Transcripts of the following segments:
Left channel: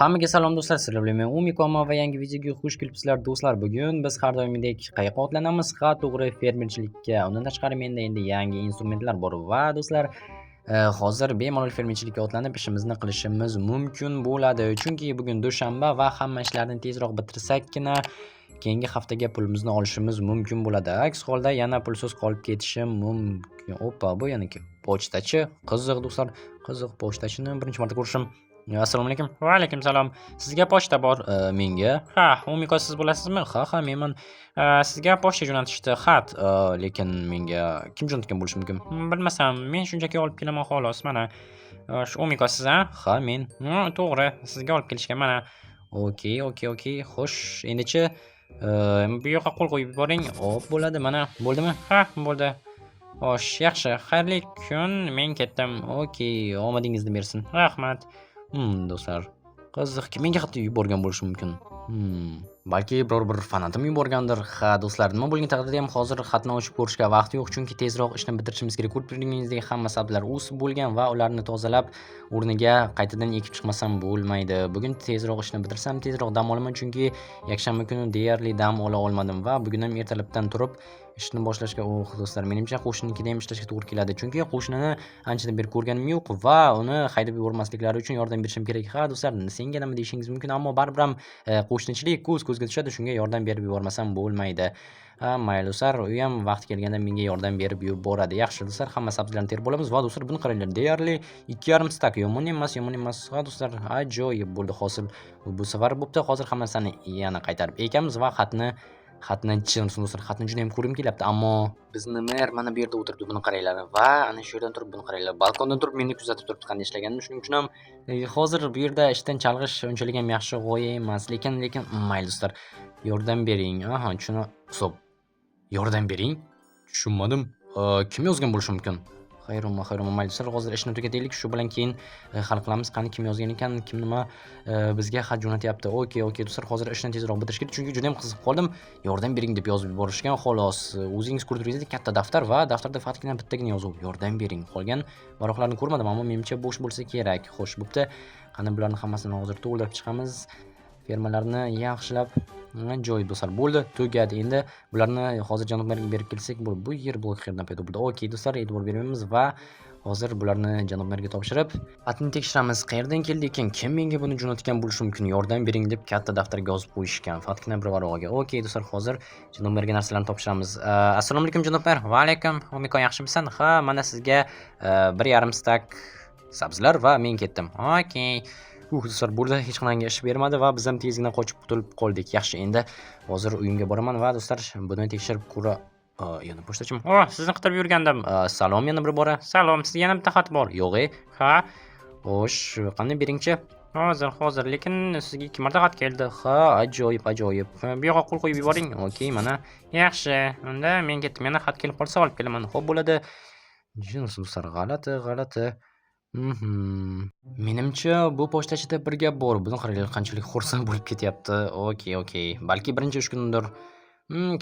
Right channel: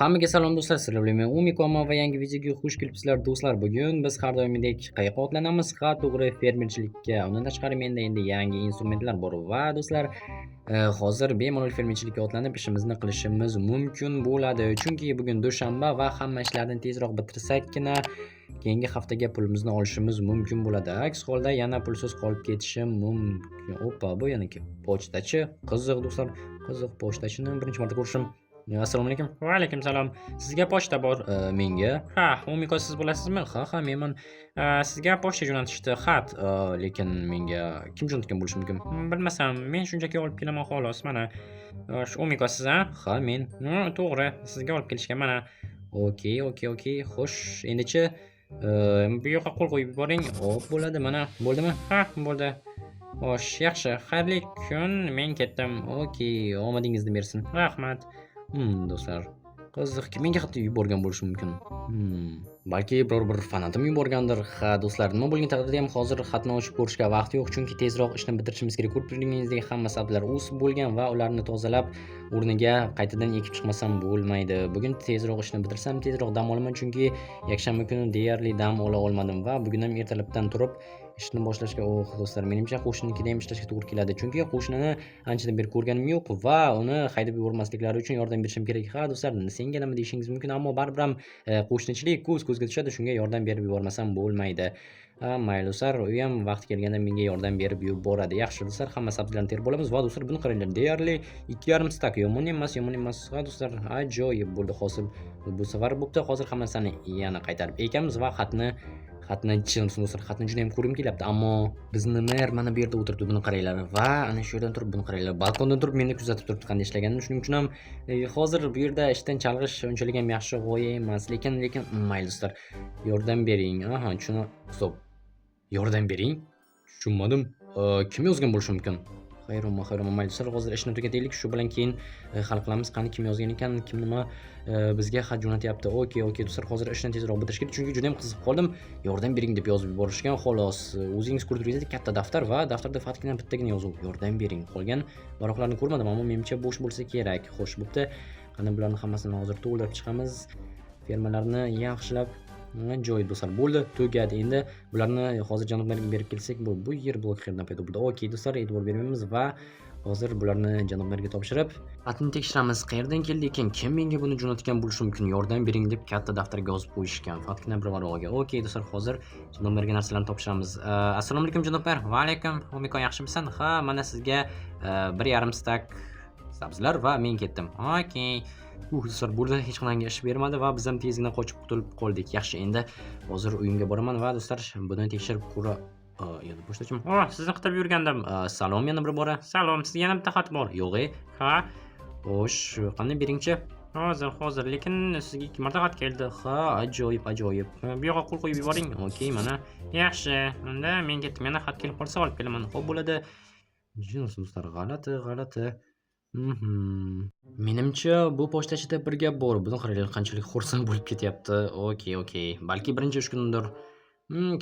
Hammaga salom do'stlar, sizlar bilan men Umikomo va yangi videoga xush kelibsizlar do'stlar. Bugun biz har doimgidek qayoqqa otlanamiz? Ha, to'g'ri, fermerchilikka. Undan tashqari menda endi yangi instrumentlar bor va do'stlar, hozir bemalol fermerchilikka otlanib ishimizni qilishimiz mumkin bo'ladi. Chunki bugun dushanba va hamma ishlarni tezroq bitirsakkina keyingi haftaga pulimizni olishimiz mumkin bo'ladi. Aks holda yana pulsiz qolib ketishim mumkin. Oppa, bu yana kim? Pochtachi. Qiziq do'stlar, qiziq pochtachini birinchi marta ko'rishim. Assalomu alaykum. Va alaykum salom. Sizga pochta bor. Menga? Ha, Umiko siz bo'lasizmi? Ha, menman. Sizga pochta jo'natishdi, xat. Lekin menga kim jo'natgan bo'lishi mumkin? Bilmasam, men shunchaki olib kelaman xolos. Mana shu Umiko siz, a? Ha, men. To'g'ri, sizga olib kelishgan. Mana Okey. Xo'sh, endichi bu yoqqa qo'l qo'yib yuboring. hop bo'ladi, mana. Bo'ldimi? Ha, bo'ldi. Xo'sh, yaxshi. Xayrli kun. Men ketdim. Okey, omadingizni bersin. Rahmat. Do'stlar, qiziq, kim menga xat yuborgan bo'lishi mumkin? Balki biror bir fanatim yuborgandir. Ha, do'stlar, nima bo'lgan taqdirda ham hozir xatni ochib ko'rishga vaqt yo'q, chunki tezroq ishni bitirishimiz kerak. Ko'rib turganingizdek, hamma sabzilar o'sib bo'lgan va ularni tozalab, o'rniga qaytadan ekib chiqmasam bo'lmaydi. Bugun tezroq ishni bitirsam, tezroq dam olaman, chunki yakshanba kuni deyarli dam ola olmadim va bugun ham ertalabdan turib ishni boshlashga, do'stlar, menimcha qo'shninikida ham ishlashga to'g'ri keladi. Chunki qo'shnini anchadan beri ko'rganim yo'q va uni haydab yubormasliklari uchun yordam berishim kerak. Ha, do'stlar, senga nima deyishingiz mumkin, ammo baribir ham qo'shnichilik ko'z-ko'zga tushadi, shunga yordam berib yubormasam bo'lmaydi. Ha, mayli do'stlar, u ham vaqti kelganda menga yordam berib yuboradi. Yaxshi do'stlar, hamma sabzilarni terib olamiz va do'stlar, buni qaranglar, deyarli 2,5 stak. Yomon emas. Ha, do'stlar, ajoyib bo'ldi hosil. Bu safar bo'pti. Hozir hammasini yana qaytarib ekamiz va xatni do'stlar, xatni juda ham ko'rgim kelyapti, ammo bizni mer mana bu yerda o'tiribdi, buni qaranglar va ana shu yerdan turib buni qaranglar. Balkondan turib meni kuzatib turibdi qanday ishlaganimni. Shuning uchun ham hozir bu yerda ishdan chalg'ish unchalik ham yaxshi g'oya emas. Lekin mayli do'stlar, yordam bering. Aha, stop. Yordam bering? Tushunmadim. Kim yozgan bo'lishi mumkin? Xayromma, mayli do'stlar, hozir ishni tugataylik, shu bilan keyin hal qilamiz. Qani kim yozgan ekan, kim nima bizga xat jo'natyapti. Okey do'stlar, hozir ishni tezroq bitirish kerak, chunki juda ham qiziqib qoldim. Yordam bering deb yozib yuborishgan. Xolos, o'zingiz ko'rib turganingizdek katta daftar va daftarda faqatgina bittagina yozuv. Yordam bering. Qolgan varaqlarni ko'rmadim, ammo menimcha bo'sh bo'lsa kerak. Xo'sh, bo'pti. Qani bularni hammasini hozir to'ldirib chiqamiz. Fermalarni yaxshilab joyi do'stlar, bo'ldi, tugadi. Endi bularni hozir janoblarga berib kelsak, bu yer blok qayerdan paydo bo'ldi? Okey do'stlar, e'tibor beramiz va hozir bularni janoblarga topshirib, xatni tekshiramiz. Qayerdan keldi ekan? Kim menga buni jo'natgan bo'lishi mumkin? Yordam bering deb katta daftarga yozib qo'yishgan. Faqatgina bir varaqaga. Okey do'stlar, hozir janoblarga narsalarni topshiramiz. Assalomu alaykum janoblar. Va alaykum. Umiko yaxshimisan? Ha, mana sizga 1,5 stak sabzilar va men ketdim. Okey. Do'stlar, burada hech qanday ish bermadi va biz ham tezgina qochib qutulib qoldik. Yaxshi, endi hozir uyimga boraman va do'stlar, buni tekshirib yana pochtachim. Sizni qidirib yurgandim. Salom, yana bir bora. Salom, sizga yana bitta xat bor. Yo'q. Ha, Xo'sh, qanday beringchi? hozir, lekin sizga 2 marta xat keldi. Ha, ajoyib. Bu yoqqa qo'l qo'yib yuboring. Okey, mana. Yaxshi, unda men ketdim. Yana xat kelib qolsa olib kelaman. Xo'p, bo'ladi. Do'stlar, g'alati. Menimcha bu pochtachida bir gap bor. Buni qaranglar, qanchalik xursand bo'lib ketyapti. Okey. Balki birinchi ish kunidir.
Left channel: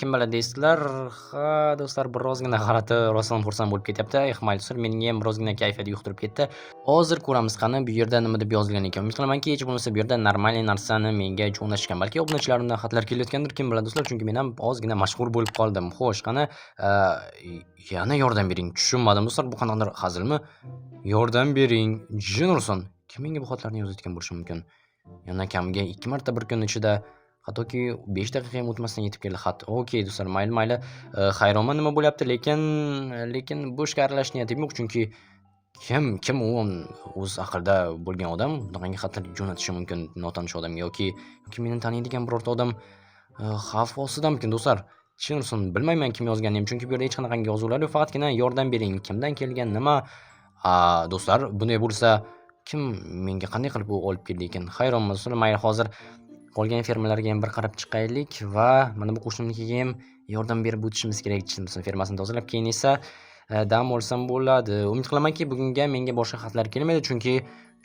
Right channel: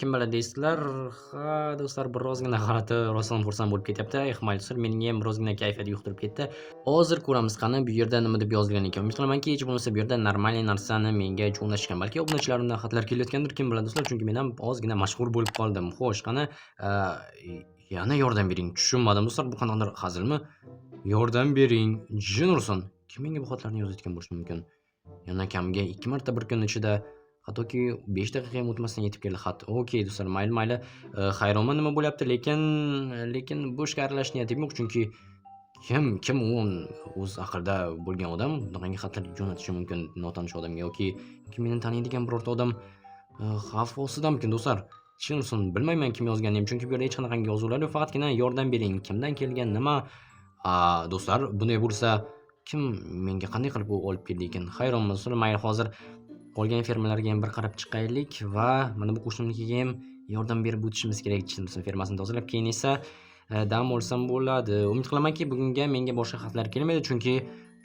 Kim biladi deysizlar. Ha, do'stlar, birozgina g'alati, rostdan xursand bo'lib ketyapti. Mayli do'stlar, mening ham birozgina kayfiyat yo'qtirib ketdi. Hozir ko'ramiz qani bu yerda nima deb yozilgan ekan. Umid qilamanki, hech bo'lmasa bu yerda normal narsani menga jo'natishgan. Balki obunachilarimdan xatlar kelayotgandir, kim biladi do'stlar, chunki men ham ozgina mashhur bo'lib qoldim. Xo'sh, qani yana yordam bering. Tushunmadim do'stlar, bu qanaqadir hazilmi? Yordam bering. Jin ursin. Kim menga bu xatlarni yozayotgan bo'lishi mumkin? Yana kamiga 2 marta bir kun ichida, hattoki 5 daqiqa ham o'tmasdan yetib keldi xat. Okey do'stlar, mayli. Hayronman nima bo'lyapti, lekin bu ishga aralashish niyatim yo'q, chunki kim u o'z aqlida bo'lgan odam bunaqangi xatlar jo'natishi mumkin notanish odamga yoki meni taniydigan birorta odam xavf ostidamikin do'stlar? Tushunsin, bilmayman kim yozganini ham, chunki bu yerda hech qanaqangi yozuvlar yo'q, faqatgina yordam bering. Kimdan kelgan, nima? Do'stlar, bunday bo'lsa kim menga qanday qilib u olib keldi ekan? Hayronman do'stlar. Mayli, hozir qolgan fermalarga ham bir qarab chiqaylik va mana bu qo'shnimnikiga ham yordam berib o'tishimiz kerak. Tushunsin, fermasini tozalab, keyin esa dam olsam bo'ladi. Umid qilamanki, bugunga menga boshqa xatlar kelmaydi, chunki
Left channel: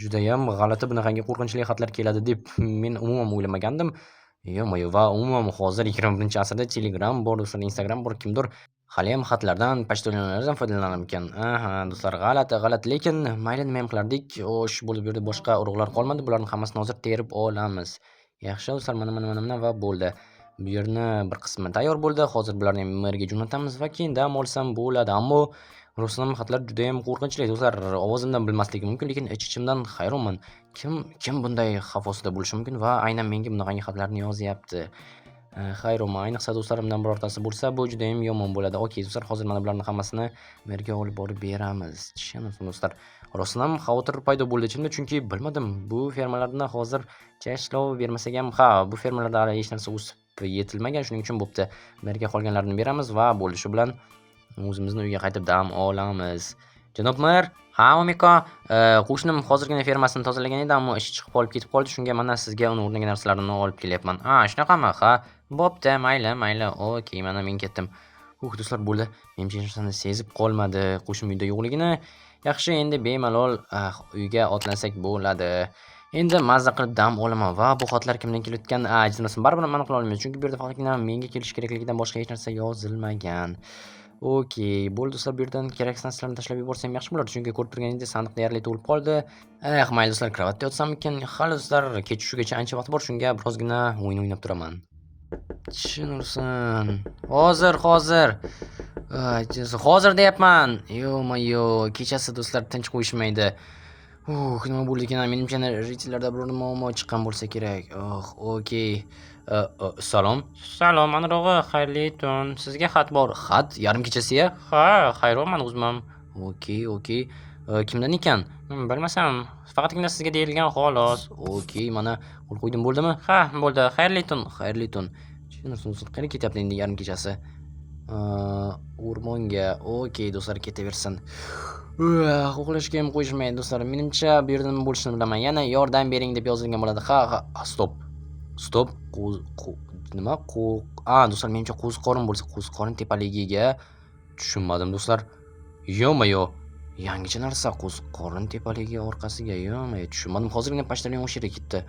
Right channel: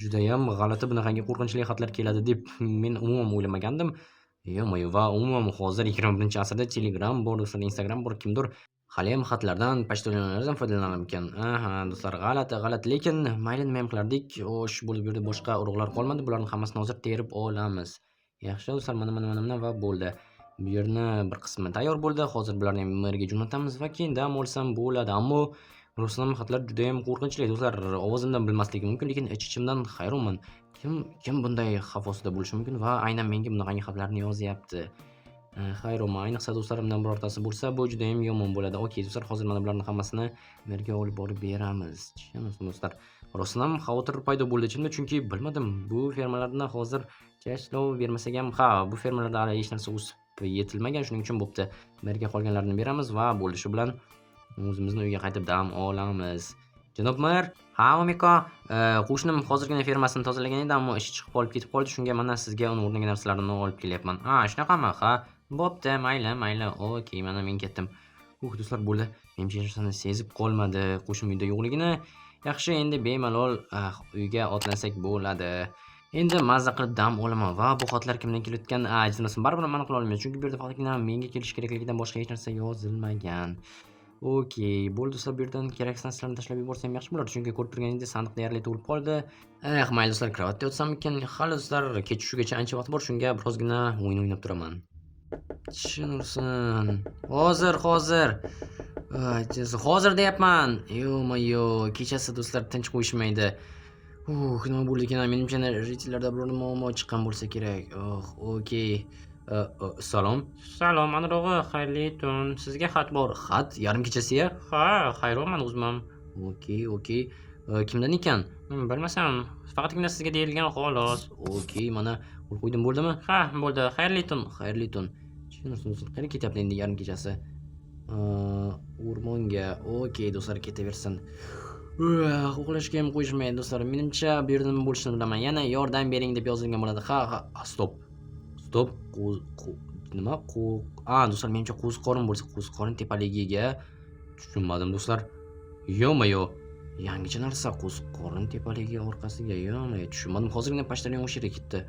juda ham g'alati, bunaqangi qo'rqinchli xatlar keladi deb men umuman o'ylamagandim. Va umuman hozir 21-asrda Telegram bor, do'stlar, Instagram bor, kimdir Haliyam xatlardan, pochtalonlardan foydalanarmikan. Aha, do'stlar, g'alati, lekin mayli nima ham qilardik. O'sh bo'lib yurdi, boshqa urug'lar qolmadi. Bularning hammasini hozir terib olamiz. Yaxshi do'stlar, mana va bo'ldi. Bu yerni bir qismi tayyor bo'ldi. Hozir bularni ham merga jo'natamiz va keyin dam olsam bo'ladi. Ammo Rustam xatlar juda ham qo'rqinchli do'stlar. Ovozimdan bilmasligi mumkin, lekin ich-ichimdan hayronman. Kim bunday xavf ostida bo'lishi mumkin va aynan menga bunaqangi xatlarni yozyapti? Hayronman. Ayniqsa do'stlarimdan birortasi bo'lsa, bu juda ham yomon bo'ladi. Okey, do'stlar, hozir mana bularning hammasini merga olib borib beramiz. Tushunasizmi do'stlar? Rostdan ham xavotir paydo bo'ldi ichimda, chunki bilmadim, bu fermalardan hozircha ishlov bermasak ham, bu fermalarda hali hech narsa o'sib yetilmagan, shuning uchun bo'pti. Merga qolganlarini beramiz va bo'ldi. Shu bilan o'zimizni uyga qaytib dam olamiz. Janob mer, ha, Omiko, qo'shnim hozirgina fermasini tozalagan edi, ammo ishi chiqib ketib qoldi. Shunga mana sizga uni o'rniga narsalarini olib kelyapman. Shunaqami? Ha, bo'pti, mayli. Okey, mana men ketdim. Do'stlar, bo'ldi. Menimcha hech narsani sezib qolmadi qo'shnim uyda yo'qligini. Yaxshi, endi bemalol uyga otlansak bo'ladi. Endi mazza qilib dam olaman va bu xatlar kimdan kelayotgan, ajrasini baribir aniq qila olmaymiz, chunki bu yerda faqatgina menga kelish kerakligidan boshqa hech narsa yozilmagan. Okey, bo'ldi do'stlar, bu yerdan keraksiz narsalarni tashlab yuborsam yaxshi bo'lardi, chunki ko'rib turganingizdek sandiq deyarli to'lib qoldi. Mayli do'stlar, kravatda yotsamikin? Hali do'stlar, kech tushigacha ancha vaqt bor, shunga birozgina o'yin o'ynab turaman. Tushunursan. Hozir deyapman. Yo-mayo, kechasi do'stlar tinch qo'yishmaydi. Nima bo'ldi ekan? Menimcha reytinglarda biror muammo chiqqan bo'lsa kerak. Okey. Salom. Salom, anrog'i, xayrli tun. Sizga xat bor. Xat yarim kechasiya? Ha, hayronman o'zim. Okey. Kimdan ekan? Bilmasam, faqatgina sizga deyilgan xolos. Okey, mana qo'l qo'ydim, bo'ldimi? Ha, bo'ldi. Xayrli tun. Tushunasiz, qayerga ketyapti endi yarim kechasi? O'rmonga. Okey, do'stlar, ketaversin. Uxlashga ham qo'yishmaydi do'stlar. Menimcha bu yerda nima bo'lishini bilaman. Yana yordam bering deb yozilgan bo'ladi. Stop. Nima? Do'stlar, menimcha qo'ziqorin bo'lsa, qo'ziqorin tepaligiga tushunmadim do'stlar. Yo-mayo. Yangicha narsa, qo'ziqorin tepaligi orqasiga. Yo-mayo, tushunmadim. Hozirgina pochtalyon o'sha yerga ketdi.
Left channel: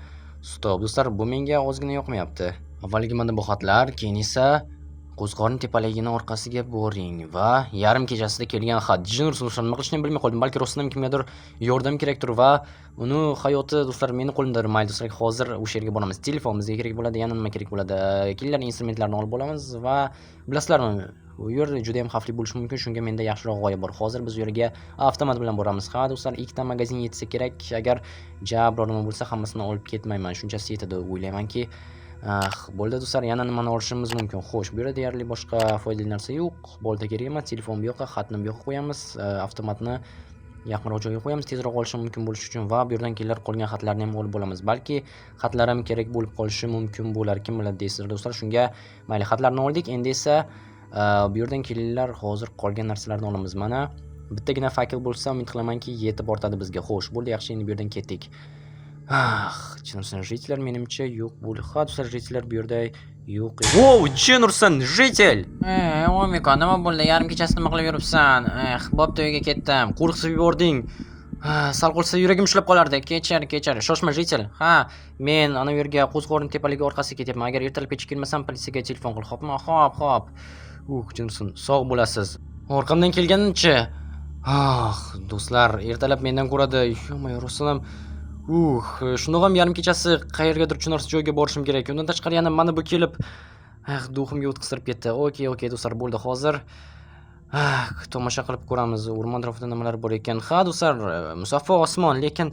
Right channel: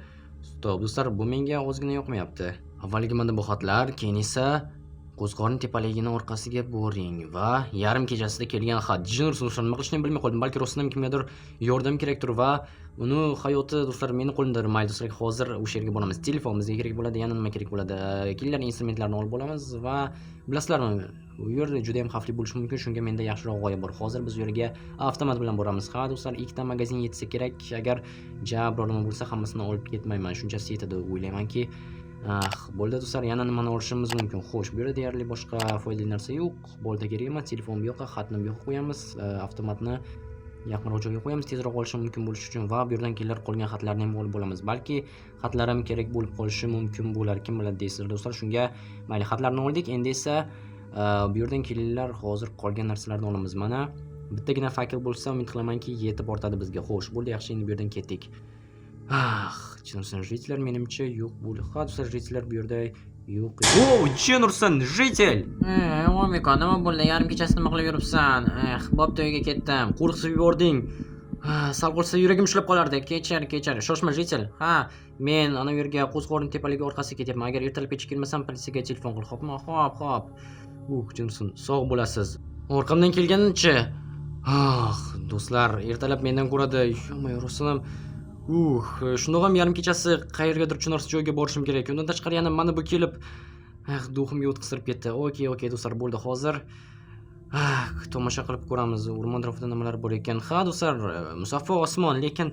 Stop do'stlar, bu menga ozgina yoqmayapti. Avvaliga mana bu xatlar, keyin esa qo'ziqorin tepaligining orqasiga boring va yarim kechasida kelgan xat. Do'stlar, nima qilishni bilmay qoldim. Balki rostdan kimgadir yordam kerakdir va uni hayoti do'stlar meni qo'limda. Mayli do'stlar, hozir o'sha yerga boramiz. Telefonimizga kerak bo'ladi, yana nima kerak bo'ladi? Killer instrumentlarni olib olamiz va bilasizlarmi, u yer juda ham xavfli bo'lishi mumkin. Shunga menda yaxshiroq g'oya bor. Hozir biz u yerga avtomat bilan boramiz. Ha do'stlar, ikkita magazin yetsa kerak. Agar biror nima bo'lsa, hammasini olib ketmayman. Shunchasi yetadi o'ylaymanki. Bo'ldi do'stlar, yana nimani olishimiz mumkin? Xo'sh, bu yerda deyarli boshqa foydali narsa yo'q. Bolta kerak emas, telefon bu yoqqa, xatni bu yoqqa qo'yamiz, avtomatni yaqinroq joyga qo'yamiz, tezroq olishim mumkin bo'lishi uchun va bu yerdan kelib qolgan xatlarni ham olib olamiz. Balki xatlar ham kerak bo'lib qolishi mumkin bo'lar, kim biladi deysizlar do'stlar. Shunga mayli, xatlarni oldik. Endi esa bu yerdan kelinglar, hozir qolgan narsalarni olamiz. Mana bittagina fakel bo'lsa, umid qilamanki yetib ortadi bizga. Xo'sh, bo'ldi, yaxshi, endi bu yerdan ketdik. Jitler menimcha yo'q bo'ldi. Ha do'stlar, jitler bu yerda yo'q. Jenursan, jitel. Omiko, nima bo'ldi? Yarim kechasi nima qilib yuribsan? Bo'pti, uyga ketdim. Qo'rqitib yubording. Sal qolsa yuragim ushlab qolardi. Kechir. Shoshma, jitel. Men ana u yerga qo'ziqorin tepaligi orqasiga ketyapman. Agar ertalab kechib kelmasam, politsiyaga telefon qil. Xo'pmi? Xo'p. Jenursan, sog' bo'lasiz. Orqamdan kelganicha. Do'stlar, ertalab mendan ko'radi. Yo-mayo, rostdan shundoq ham yarim kechasi qayergadir tushunarsiz joyga borishim kerak. Undan tashqari yana mana bu kelib duximga o'tkazib ketdi. Okey do'stlar, bo'ldi. Hozir tomosha qilib ko'ramiz. O'rmon atrofida nimalar bor ekan. Ha do'stlar, musaffo osmon, lekin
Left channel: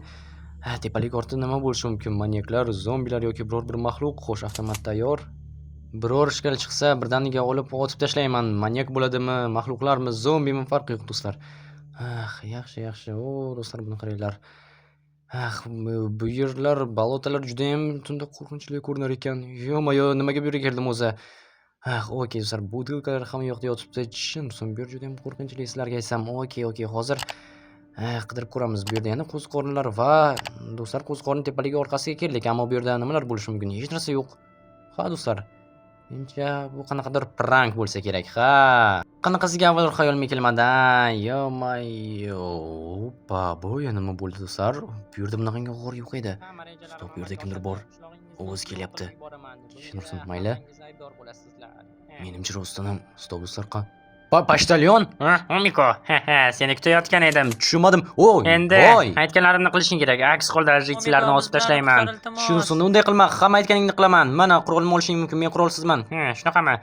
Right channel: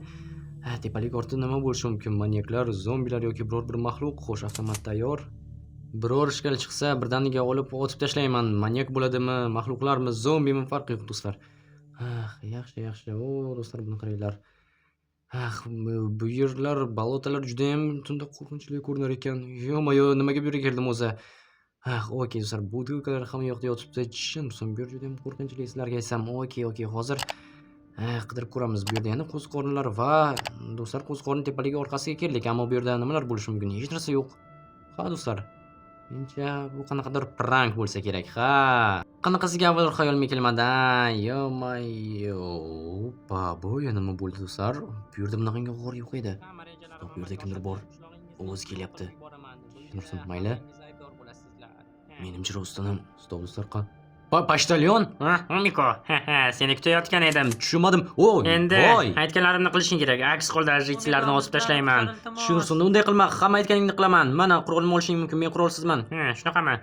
tepalik ortida nima bo'lishi mumkin? Manyaklar, zombilar yoki biror bir maxluq. Xo'sh, avtomat tayyor. Biror ishkal chiqsa, birdaniga olib otib tashlayman. Manyak bo'ladimi, maxluqlarmi, zombimi, farqi yo'q do'stlar. Yaxshi. Do'stlar, buni qaranglar. Bu yerlar, balotalar juda ham tunda qo'rqinchli ko'rinar ekan. Yo-mayo, nimaga bu yerga keldim o'zi? Okey do'stlar, butilkalar hamma yoqda yotibdi. Tushunsin, bu yer juda ham qo'rqinchli, sizlarga aytsam. Okey, hozir qidirib ko'ramiz. Bu yerda yana qo'ziqorinlar va do'stlar, qo'ziqorin tepaligi orqasiga keldik, ammo bu yerda nimalar bo'lishi mumkin? Hech narsa yo'q. Ha do'stlar, menimcha bu qanaqadir prank bo'lsa kerak. Qanaqasiga avvalroq xayolimga kelmadi. Yo-mayo. Bu yana nima bo'ldi do'stlar? Bu yerda bunaqangi g'or yo'q edi. Stop, bu yerda kimdir bor. Ovoz kelyapti. Tushunursiz, mayli. Menimcha rostdan ham. Stop do'stlar, Pochtalyon? Umiko, seni kutayotgan edim. Tushunmadim. Oy, Endi voy. aytganlarimni qilishing kerak. Aks holda jitlarni osib tashlayman. Shunsin, unday qilma. Hamma aytganingni qilaman. Mana qurolni olishing mumkin. Men qurolsizman. Shunaqami?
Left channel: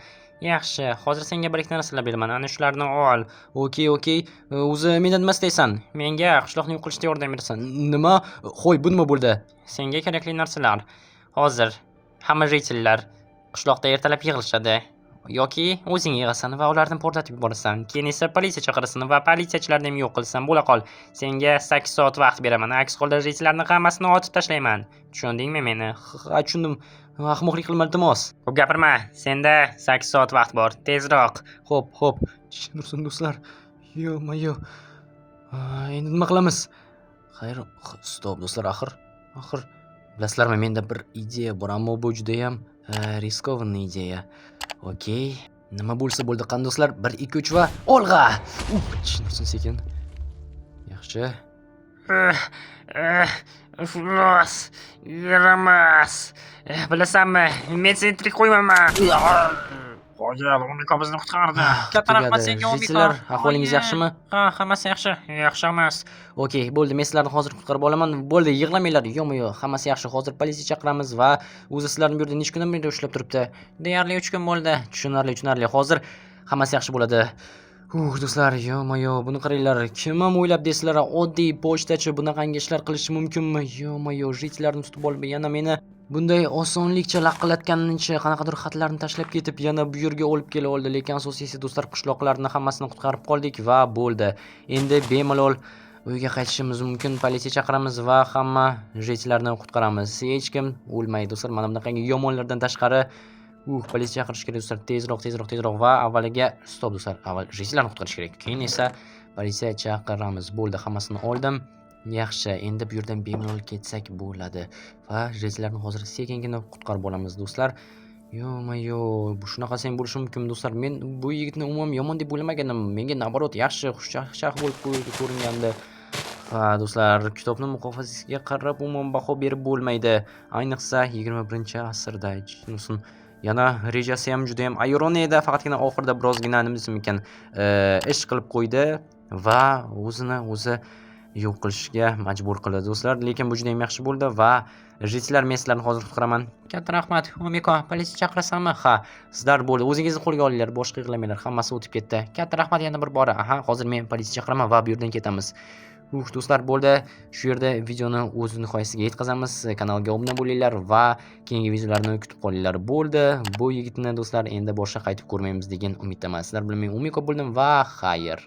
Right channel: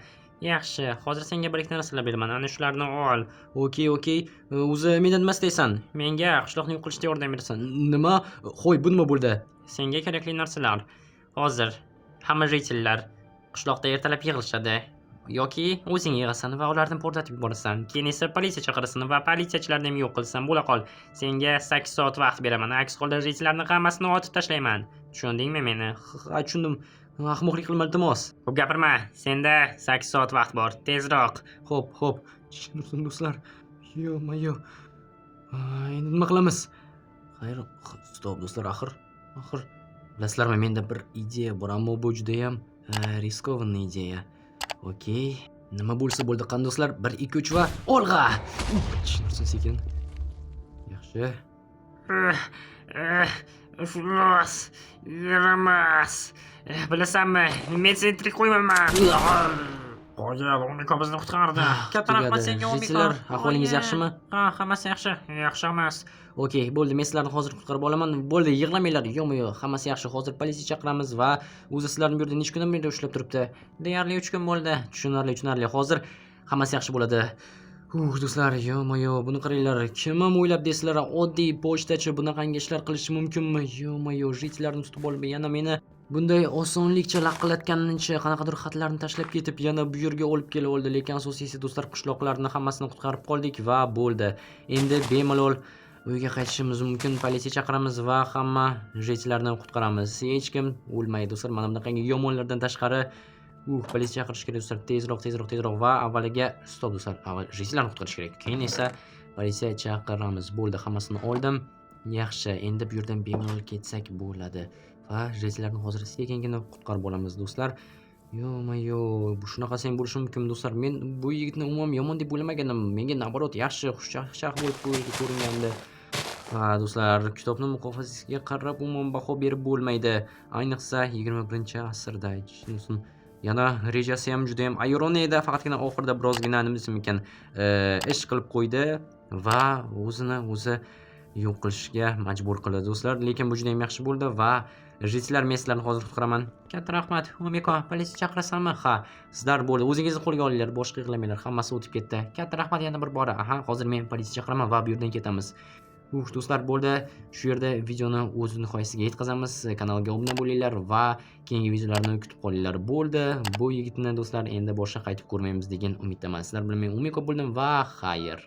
Yaxshi, hozir senga bir ikkita narsalar beraman. Ana shularni ol. Okey. O'zi mendan nima istaysan? Menga qishloqni yo'q qilishda yordam berasan. Nima? Xo'y, bu nima bo'ldi? Senga kerakli narsalar. Hozir hamma jitillar qishloqda ertalab yig'ilishadi. Yoki o'zing yig'asan va ularni portlatib yuborasan. Keyin esa politsiya chaqirasan va politsiyachilarni ham yo'q qilsan. Bo'la qol. Senga 8 soat vaqt beraman. Aks holda jitillarni hammasini otib tashlayman. Tushundingmi meni? Ha, tushundim. Ahmoqlik qilma, iltimos. Ko'p gapirma. Senda 8 soat vaqt bor. Tezroq. Xo'p. Tushunursin do'stlar. Yo. Endi nima qilamiz? Xayr, stop do'stlar, axir bilasizlarmi, menda bir ideya bor, ammo bu juda ham riskovanniy ideya. Okey. Nima bo'lsa bo'ldi, qani do'stlar? 1 2 3 va olg'a. Tushunsin sekin. Yaxshi. Iflos. Yaramas. Bilasanmi, men seni tirik qo'ymayman. Qo'yib, Umiko bizni qutqardi. Katta rahmat senga, Umiko. Sizlar ahvolingiz yaxshimi? Ha, hammasi yaxshi. Yaxshi emas. Okey, bo'ldi. Men sizlarni hozir qutqarib olaman. Bo'ldi, yig'lamanglar. Yo'q, hammasi yaxshi. Hozir politsiya chaqiramiz va o'zi sizlarni bu yerda necha kundan beri ushlab turibdi? Deyarli 3 kun bo'ldi. Tushunarli. Hozir hammasi yaxshi bo'ladi. Do'stlar, yo, buni qaranglar. Kim ham o'ylab deysizlar, oddiy pochtachi bunaqangi ishlar qilishi mumkinmi? Yo, jitlarni tutib olib, yana meni bunday osonlikcha laqillatganicha qanaqadir xatlarni tashlab ketib, yana bu yerga olib kela oldi. Lekin asosiysi do'stlar, qishloqlarni hammasini qutqarib qoldik va bo'ldi. Endi bemalol uyga qaytishimiz mumkin. Politsiya chaqiramiz va hamma jitlarni qutqaramiz. Hech kim o'lmaydi do'stlar. Mana bunaqangi yomonlardan tashqari politsiya chaqirish kerak do'stlar. Tezroq va avvaliga stop do'stlar. Avval jitlarni qutqarish kerak. Keyin esa politsiya chaqiramiz. Bo'ldi, hammasini oldim. Yaxshi, endi bu yerdan bemalol ketsak bo'ladi va jitlarni hozir sekingina qutqarib olamiz do'stlar. Yo, bu shunaqasi ham bo'lishi mumkin do'stlar. Men bu yigitni umuman yomon deb o'ylamagandim. Menga naborot yaxshi, xushchaqchaq bo'lib ko'ringandi. Va do'stlar, kitobni muqofasiga qarab umuman baho berib bo'lmaydi. Ayniqsa 21-asrda. Yana rejasi ham juda ham ayroniy edi. Faqatgina oxirida birozgina nima desam ekan, ish qilib qo'ydi va o'zi yo'q qilishga majbur qildi do'stlar. Lekin bu juda ham yaxshi bo'ldi va jitlar, men sizlarni hozir qutqaraman. Katta rahmat. Umiko, politsiya chaqirasanmi? Ha, sizlar bo'ldi. O'zingizni qo'lga olinglar, boshqa yig'lamanglar. Hammasi o'tib ketdi. Katta rahmat yana bir bora. Hozir men politsiya chaqiraman va bu yerdan ketamiz. Do'stlar, bo'ldi. Shu yerda videoni o'z nihoyasiga yetkazamiz. Kanalga obuna bo'linglar va keyingi videolarni kutib qolinglar. Bo'ldi. Bu yigitni do'stlar endi boshqa qaytib ko'rmaymiz degan umiddaman. Sizlar bilan men Umiko bo'ldim va xayr.